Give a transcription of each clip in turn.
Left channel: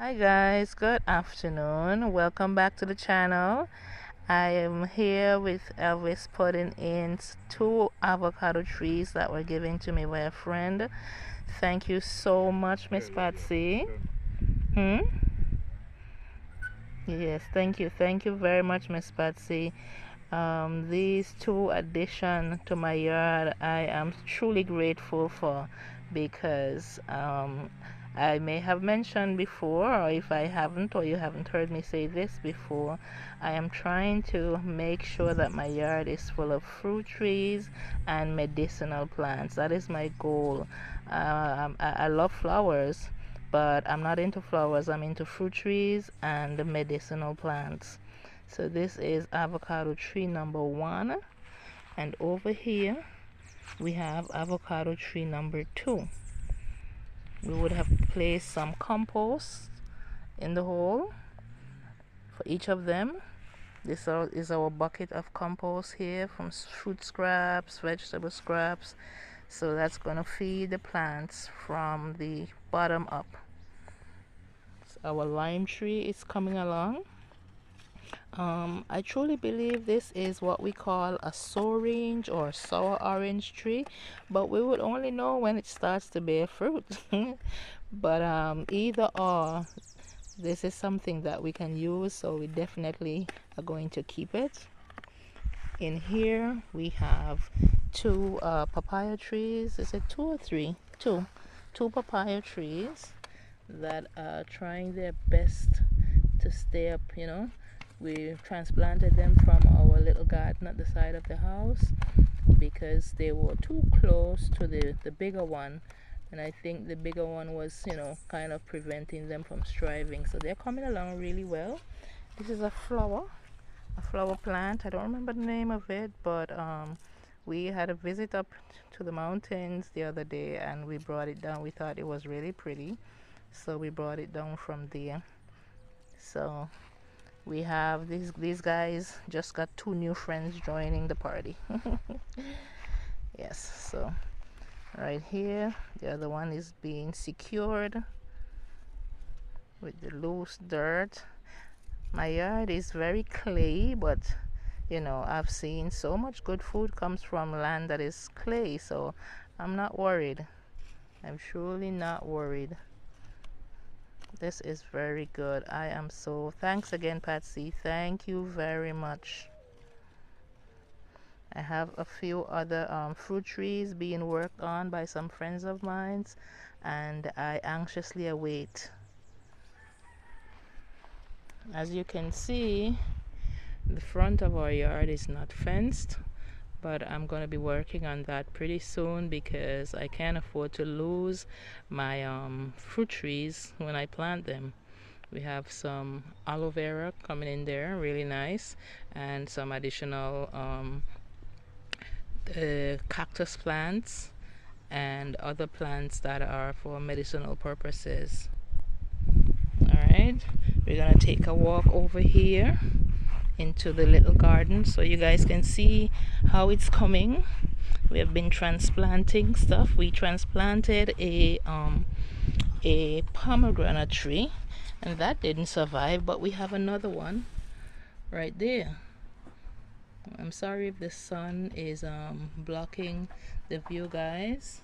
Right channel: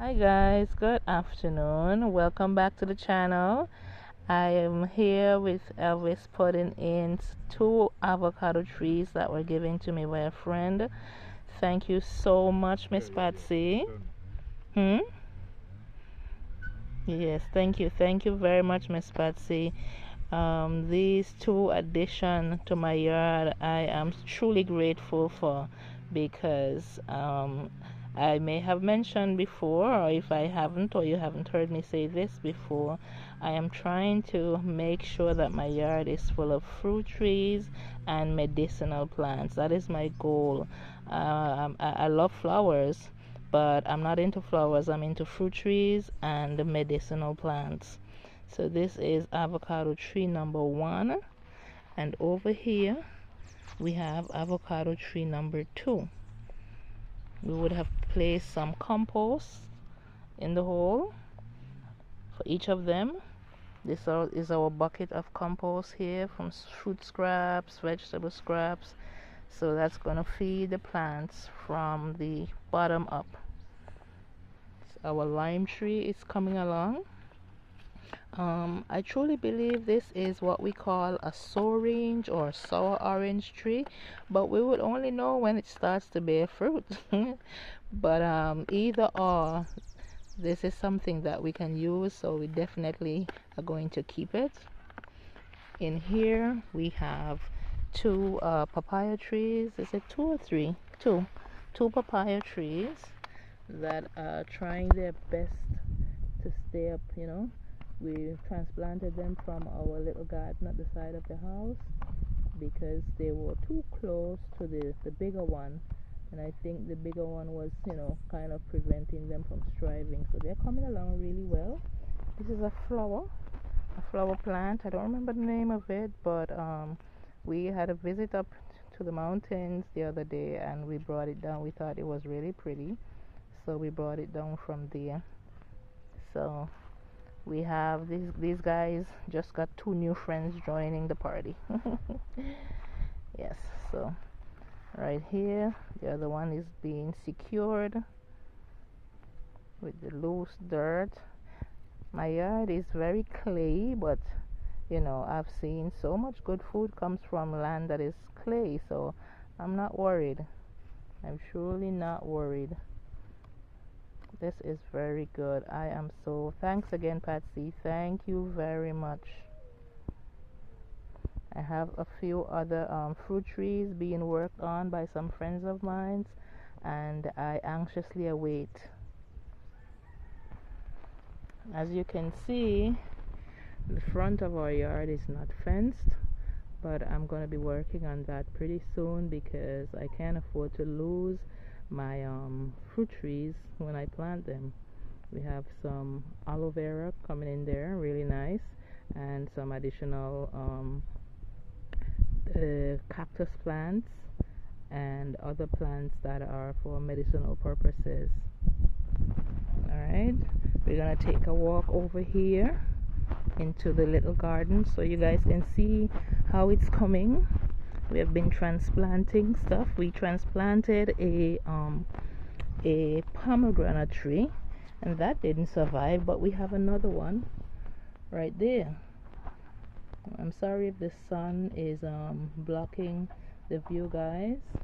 Hi guys, good afternoon. Welcome back to the channel. I am here with Elvis putting in two avocado trees that were given to me by a friend. Thank you so much, Miss Patsy. Hmm? Yes, thank you. Thank you very much, Miss Patsy. These two addition to my yard, I am truly grateful for because I may have mentioned before, or if I haven't, or you haven't heard me say this before, I am trying to make sure that my yard is full of fruit trees and medicinal plants. That is my goal. I love flowers, but I'm not into flowers. I'm into fruit trees and medicinal plants. So this is avocado tree number 1, and over here we have avocado tree number 2. We would have placed some compost in the hole for each of them. This is our bucket of compost here from fruit scraps, vegetable scraps. So that's going to feed the plants from the bottom up. So our lime tree is coming along. I truly believe this is what we call a orange or sour orange tree, but we would only know when it starts to bear fruit. But either or, this is something that we can use, so we definitely are going to keep it. In here we have two papaya trees. Is it two or three? Two papaya trees that are trying their best to stay up, We transplanted them from our little garden at the side of the house because they were too close to the bigger one, and I think the bigger one was, kind of preventing them from thriving. So they're coming along really well. This is a flower plant. I don't remember the name of it, but we had a visit up to the mountains the other day and we brought it down. We thought it was really pretty, so we brought it down from there. So we have these guys just got two new friends joining the party. Yes, so right here the other one is being secured with the loose dirt. My yard is very clay, but I've seen so much good food comes from land that is clay, so I'm not worried. I'm truly not worried. This is very good. I am so thanks again, Patsy. Thank you very much. I have a few other fruit trees being worked on by some friends of mine, and I anxiously await. As you can see, the front of our yard is not fenced, but I'm going to be working on that pretty soon because I can't afford to lose my fruit trees when I plant them. We have some aloe vera coming in there, really nice, and some additional cactus plants and other plants that are for medicinal purposes. Alright, we're gonna take a walk over here into the little garden so you guys can see how it's coming. We have been transplanting stuff. We transplanted a pomegranate tree and that didn't survive, but we have another one right there. I'm sorry if the sun is blocking the view, guys.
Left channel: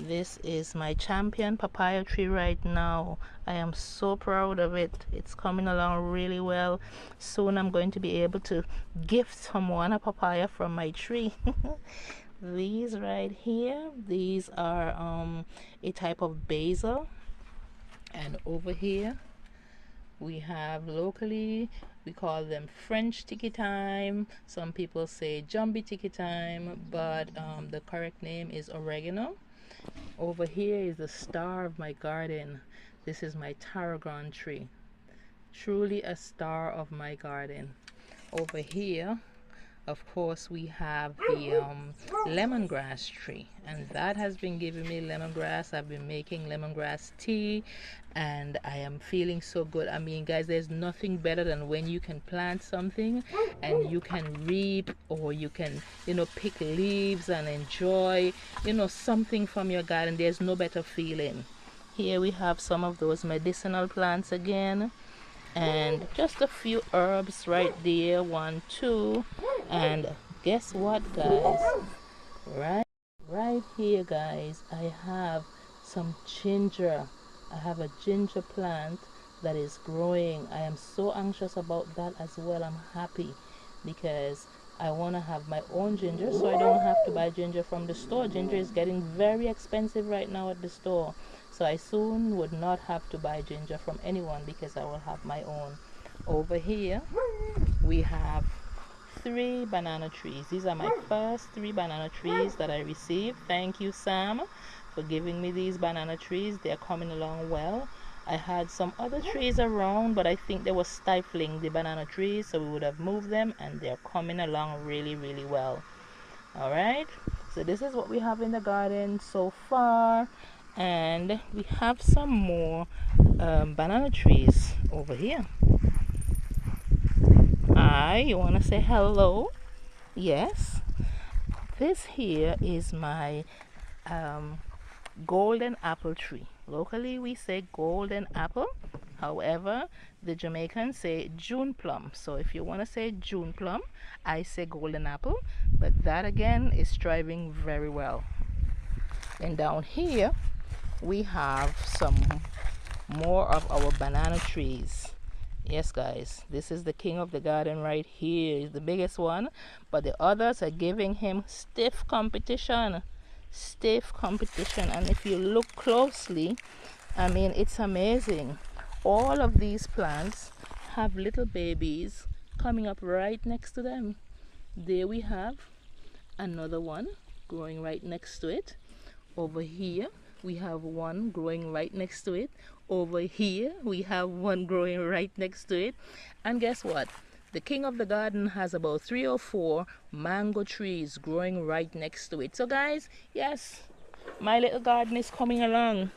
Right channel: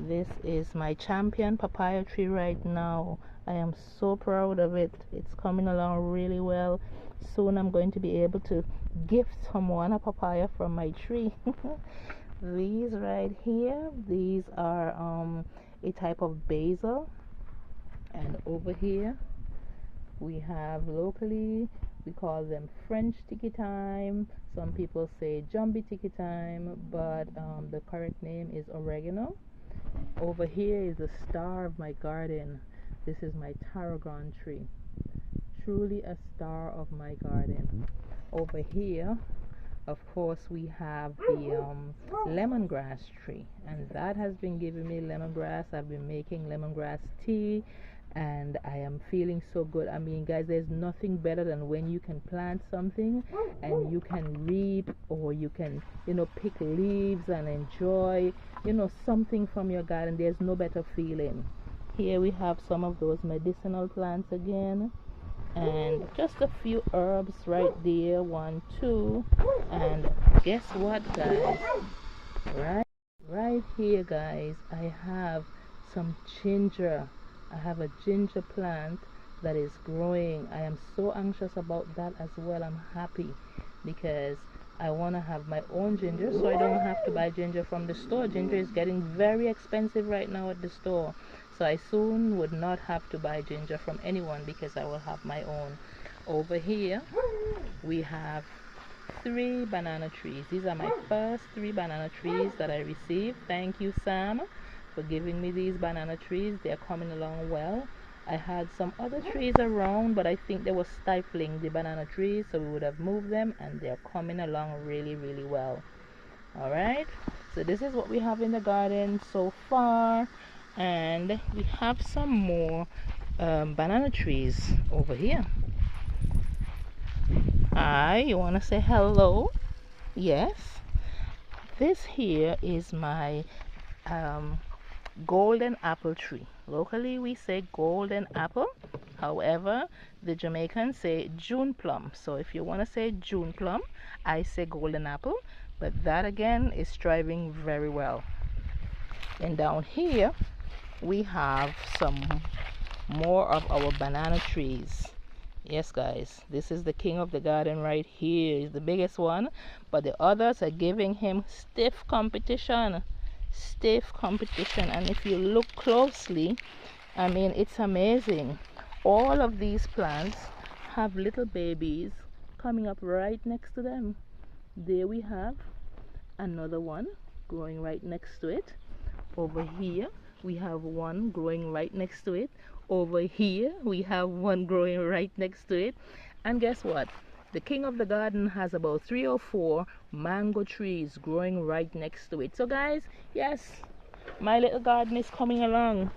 This is my champion papaya tree right now. I am so proud of it. It's coming along really well. Soon I'm going to be able to gift someone a papaya from my tree. These right here, these are a type of basil. And over here we have locally, we call them French tiki thyme. Some people say Jumbie tiki thyme, but the correct name is oregano. Over here is the star of my garden. This is my tarragon tree. Truly a star of my garden. Over here, of course, we have the lemongrass tree, and that has been giving me lemongrass. I've been making lemongrass tea and I am feeling so good. I mean, guys, there's nothing better than when you can plant something and you can reap, or you can, pick leaves and enjoy, something from your garden. There's no better feeling. Here we have some of those medicinal plants again, and just a few herbs right there. 1, 2, and guess what, guys? Right here, guys, I have some ginger. I have a ginger plant that is growing. I am so anxious about that as well. I'm happy because I want to have my own ginger, so I don't have to buy ginger from the store. Ginger is getting very expensive right now at the store, so I soon would not have to buy ginger from anyone because I will have my own. Over here we have 3 banana trees. These are my first 3 banana trees that I received. Thank you, Sam, for giving me these banana trees. They're coming along well. I had some other trees around, but I think they were stifling the banana trees, so we would have moved them, and they're coming along really, really well. All right, so this is what we have in the garden so far, and we have some more banana trees over here. Hi, you want to say hello? Yes, this here is my golden apple tree. Locally we say golden apple, however the Jamaicans say June plum. So if you want to say June plum, I say golden apple, but that again is thriving very well. And down here we have some more of our banana trees. Yes, guys, this is the king of the garden right here. He's the biggest one, but the others are giving him stiff competition. And if you look closely, I mean, it's amazing. All of these plants have little babies coming up right next to them. There we have another one growing right next to it. Over here we have one growing right next to it. Over here we have one growing right next to it. And guess what? The king of the garden has about 3 or 4 mango trees growing right next to it. So guys, yes, my little garden is coming along.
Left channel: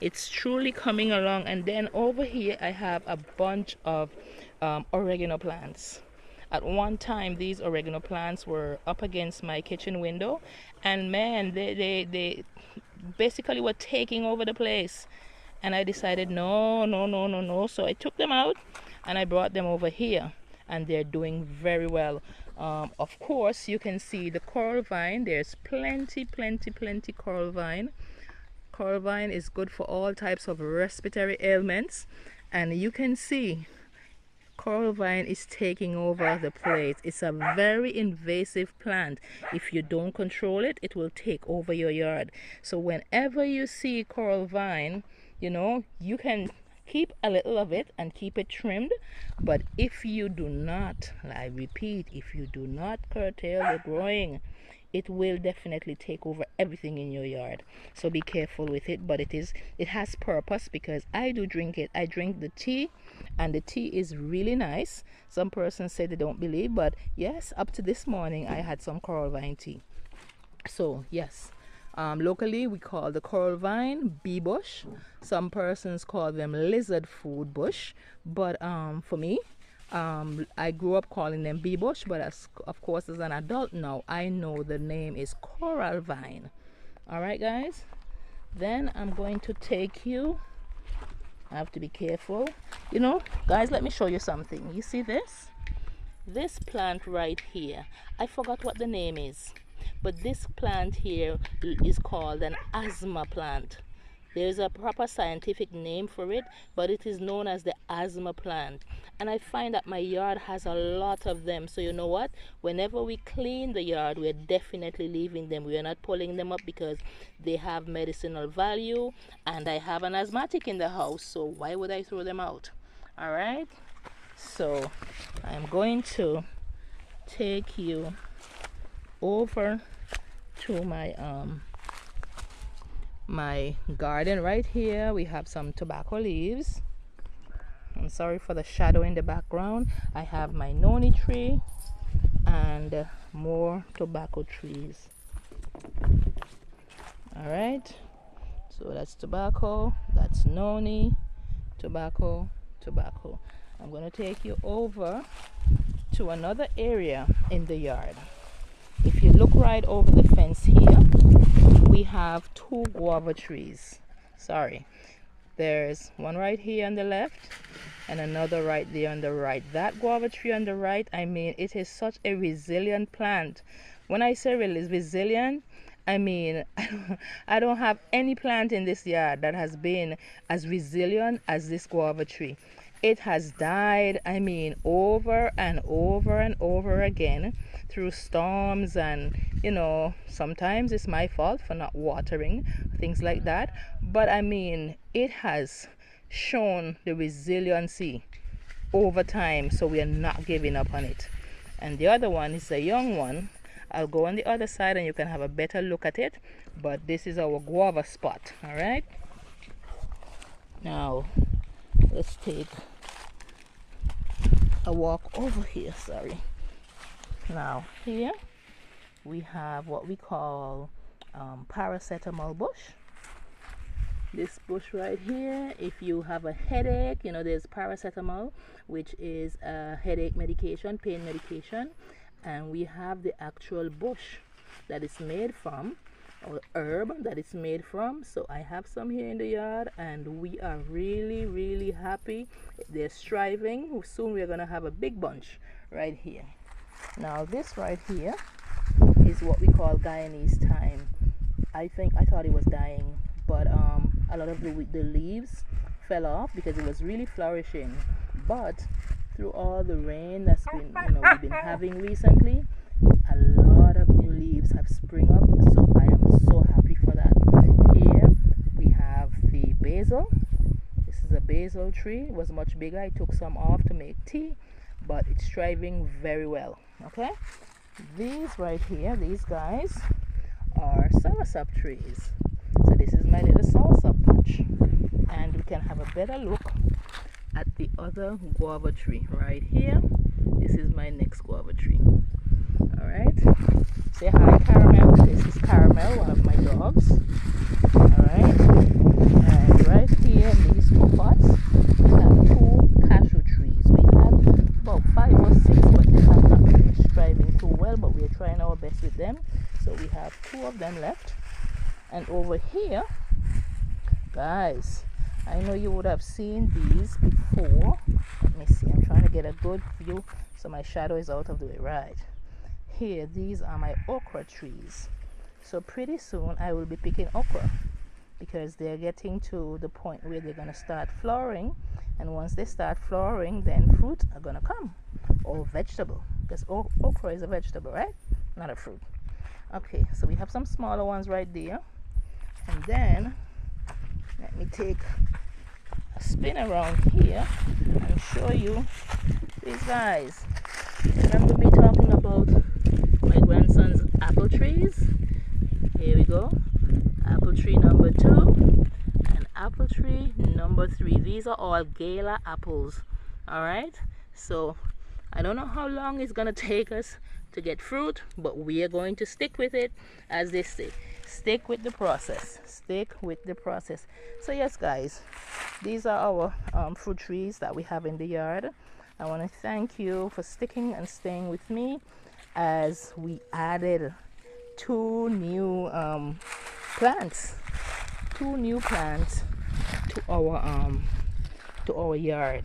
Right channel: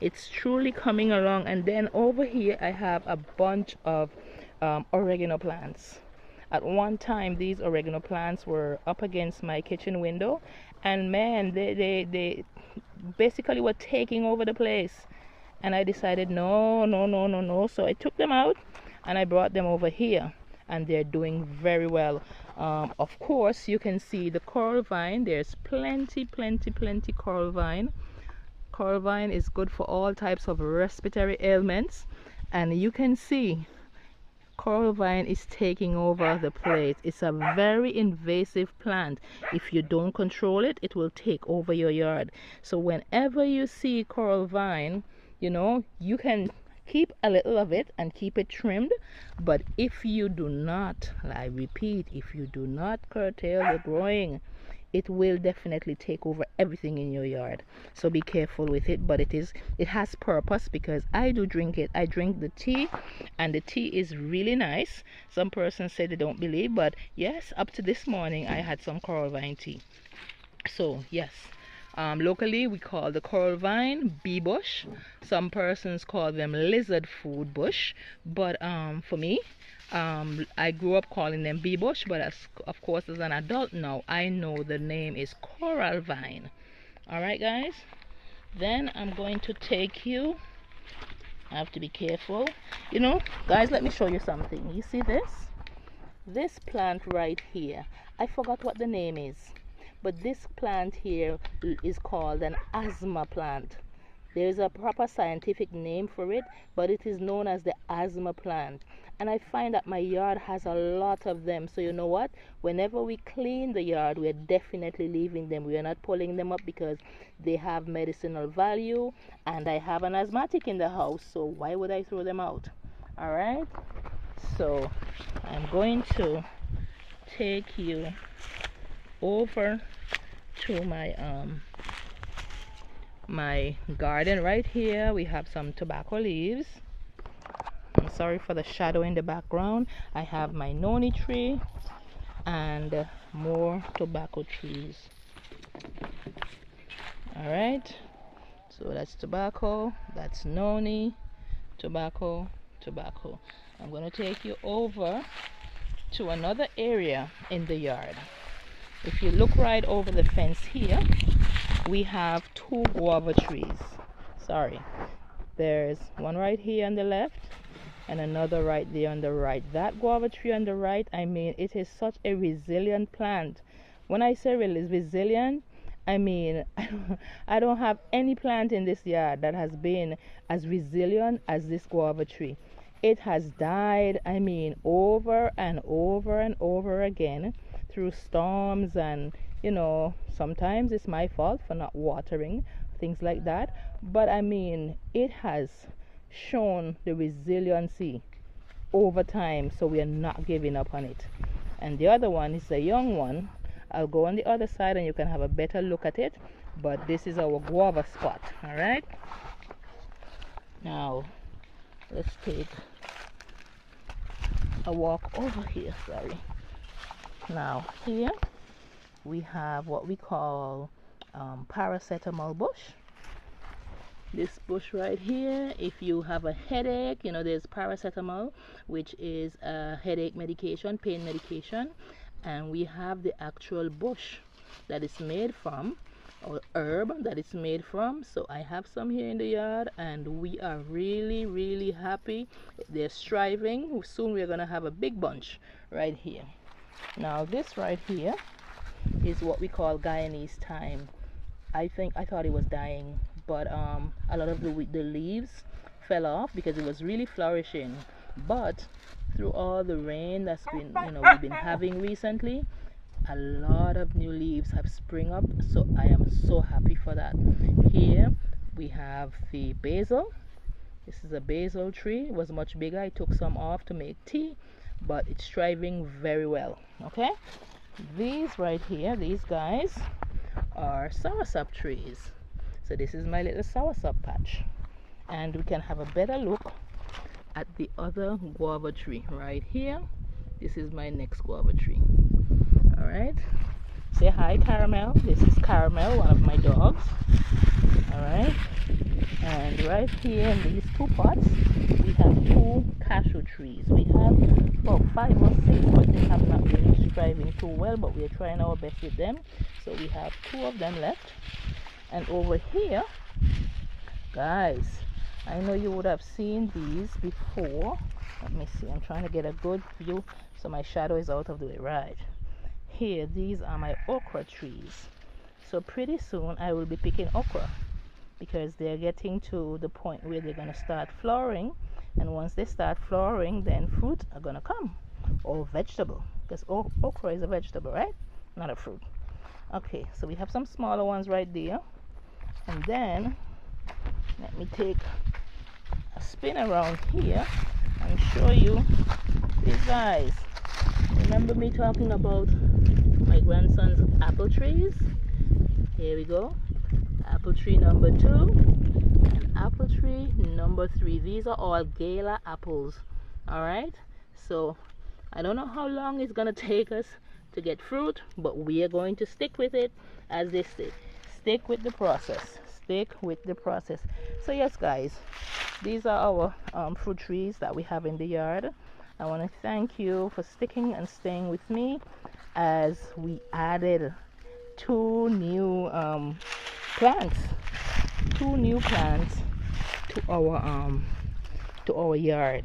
It's truly coming along. And then over here I have a bunch of oregano plants. At one time these oregano plants were up against my kitchen window, and man, they basically were taking over the place. And I decided no. So I took them out and I brought them over here, and they're doing very well. Of course you can see the coral vine. There's plenty coral vine. Coral vine is good for all types of respiratory ailments, and you can see coral vine is taking over the place. It's a very invasive plant. If you don't control it, it will take over your yard. So whenever you see coral vine, you know, you can keep a little of it and keep it trimmed, but if you do not, I repeat, if you do not curtail the growing, it will definitely take over everything in your yard. So be careful with it, but it has purpose, because I do drink it. I drink the tea, and the tea is really nice. Some persons say they don't believe, but yes, up to this morning I had some coral vine tea. So yes, locally we call the coral vine bee bush. Some persons call them lizard food bush, but for me, I grew up calling them bee bush, but of course as an adult now I know the name is coral vine. All right, guys, then I'm going to take you, I have to be careful, you know, guys, let me show you something. You see this plant right here, I forgot what the name is, but this plant here is called an asthma plant. There's a proper scientific name for it, but it is known as the asthma plant. And I find that my yard has a lot of them. So you know what? Whenever we clean the yard, we're definitely leaving them. We are not pulling them up because they have medicinal value. And I have an asthmatic in the house, so why would I throw them out? All right? So I'm going to take you over to my garden. Right here we have some tobacco leaves. I'm sorry for the shadow in the background. I have my noni tree and more tobacco trees. All right, so that's tobacco, that's noni, tobacco. I'm going to take you over to another area in the yard. If you look right over the fence here, we have 2 guava trees. There's one right here on the left and another right there on the right. That guava tree on the right, I mean, it is such a resilient plant. When I say resilient, I mean, I don't have any plant in this yard that has been as resilient as this guava tree. It has died, I mean, over and over and over again through storms, and sometimes it's my fault for not watering, things like that. But I mean, it has shown the resiliency over time, so we are not giving up on it. And the other one is a young one. I'll go on the other side and you can have a better look at it, but this is our guava spot. All right, now let's take a walk over here. Sorry. Now here we have what we call paracetamol bush. This bush right here, if you have a headache, there's paracetamol, which is a headache medication, pain medication, and we have the actual bush that is made from, or herb that it's made from. So I have some here in the yard, and we are really happy. They're striving. Soon we're gonna have a big bunch right here. Now this right here is what we call Guyanese thyme. I thought it was dying, but a lot of the leaves fell off because it was really flourishing. But through all the rain that's been we've been having recently, a lot of new leaves have sprung up, so I am so happy for that. Here we have the basil. This is a basil tree. It was much bigger. I took some off to make tea, but it's thriving very well. Okay, these right here, these guys are soursop trees. So this is my little soursop patch, and we can have a better look at the other guava tree right here. This is my next guava tree. All right, say hi, Caramel. This is Caramel, one of my dogs. All right, and right here in these two pots we have 2 cashew trees. We have about 5 or 6, but they have not been striving too well, but we are trying our best with them. So we have 2 of them left. And over here, guys, I know you would have seen these before. Let me see, I'm trying to get a good view so my shadow is out of the way. Right here, these are my okra trees. So pretty soon I will be picking okra, because they're getting to the point where they're going to start flowering. And once they start flowering, then fruit are going to come, or vegetable, because okra is a vegetable, right? Not a fruit. Okay, so we have some smaller ones right there. And then let me take a spin around here and show you these guys. Remember me talking about my grandson's apple trees? Here we go. Apple tree number 2 and apple tree number 3. These are all gala apples. All right, so I don't know how long it's gonna take us to get fruit, but we are going to stick with it, as they say. Stick with the process. Stick with the process. So yes, guys, these are our fruit trees that we have in the yard. I want to thank you for sticking and staying with me as we added 2 new plants. 2 new plants to our yard.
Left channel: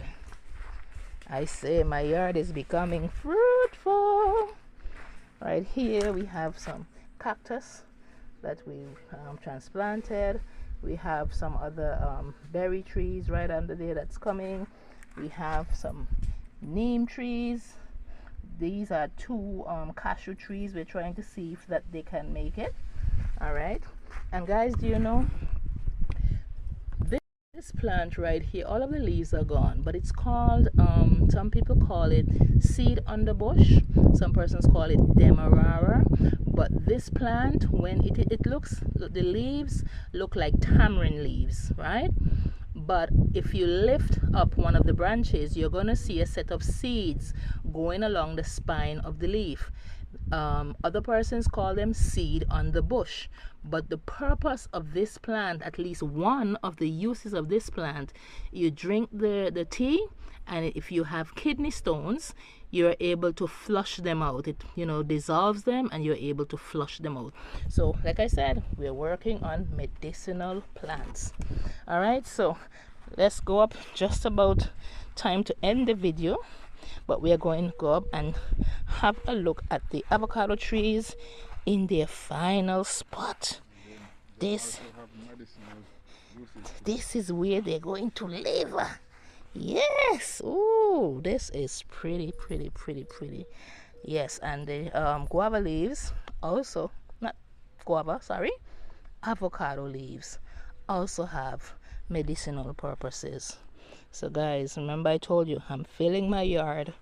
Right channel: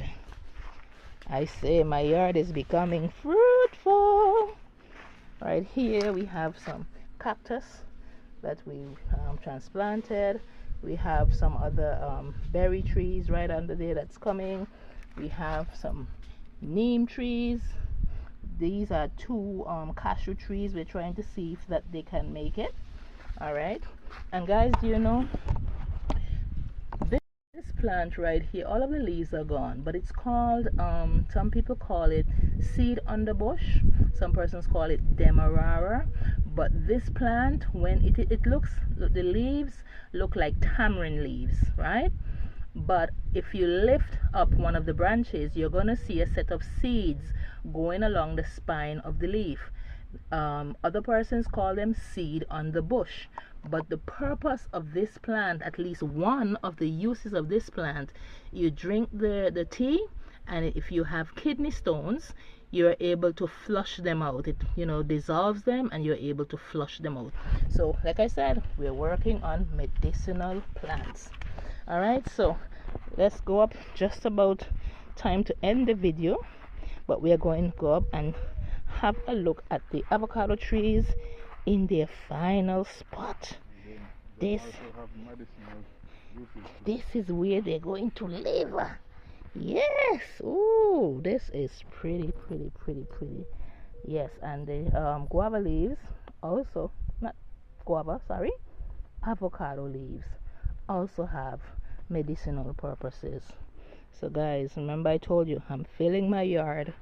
I say my yard is becoming fruitful. Right here we have some cactus that we transplanted. We have some other berry trees right under there that's coming. We have some neem trees. These are 2 cashew trees. We're trying to see if that they can make it. All right, and guys, do you know this plant right here, all of the leaves are gone, but it's called some people call it seed underbush, some persons call it demerara. But this plant, when it looks, the leaves look like tamarind leaves, right? But if you lift up one of the branches, you're going to see a set of seeds going along the spine of the leaf. Other persons call them seed on the bush. But the purpose of this plant, at least one of the uses of this plant, you drink the tea, and if you have kidney stones, you're able to flush them out. It, you know, dissolves them and you're able to flush them out. So like I said, we're working on medicinal plants. All right, so let's go up, just about time to end the video, but we are going to go up and have a look at the avocado trees in their final spot. This is where they're going to live. Yes. Oh, this is pretty. Yes, and the guava leaves also, not guava, sorry, avocado leaves also have medicinal purposes. So guys, remember I told you I'm filling my yard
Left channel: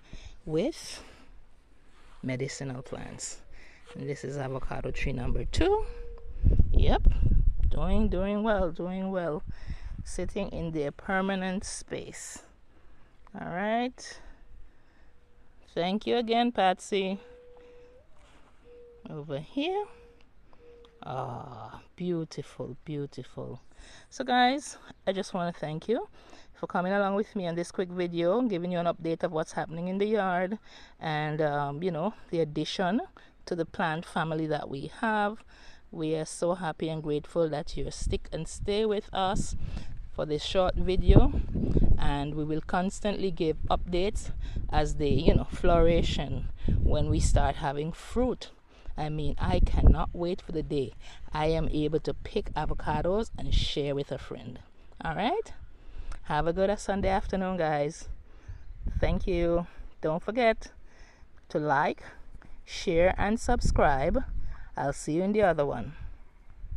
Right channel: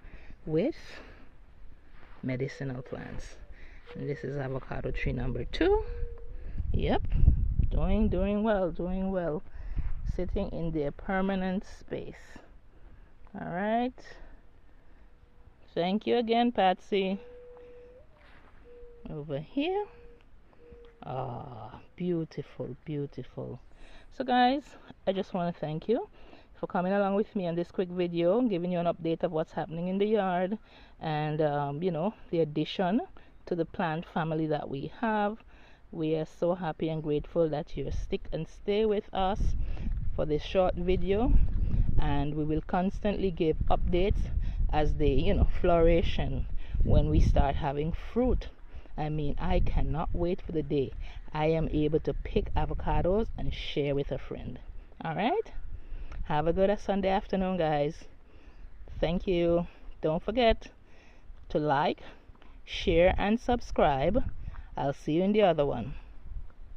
with medicinal plants. And this is avocado tree number 2. Yep, doing well, sitting in their permanent space. All right, thank you again, Patsy. Over here. Ah, beautiful. So guys, I just want to thank you for coming along with me on this quick video, giving you an update of what's happening in the yard, and you know, the addition to the plant family that we have. We are so happy and grateful that you stick and stay with us for this short video, and we will constantly give updates as they, you know, flourish, and when we start having fruit. I mean, I cannot wait for the day I am able to pick avocados and share with a friend. All right, have a good Sunday afternoon, guys. Thank you. Don't forget to like, share, and subscribe. I'll see you in the other one.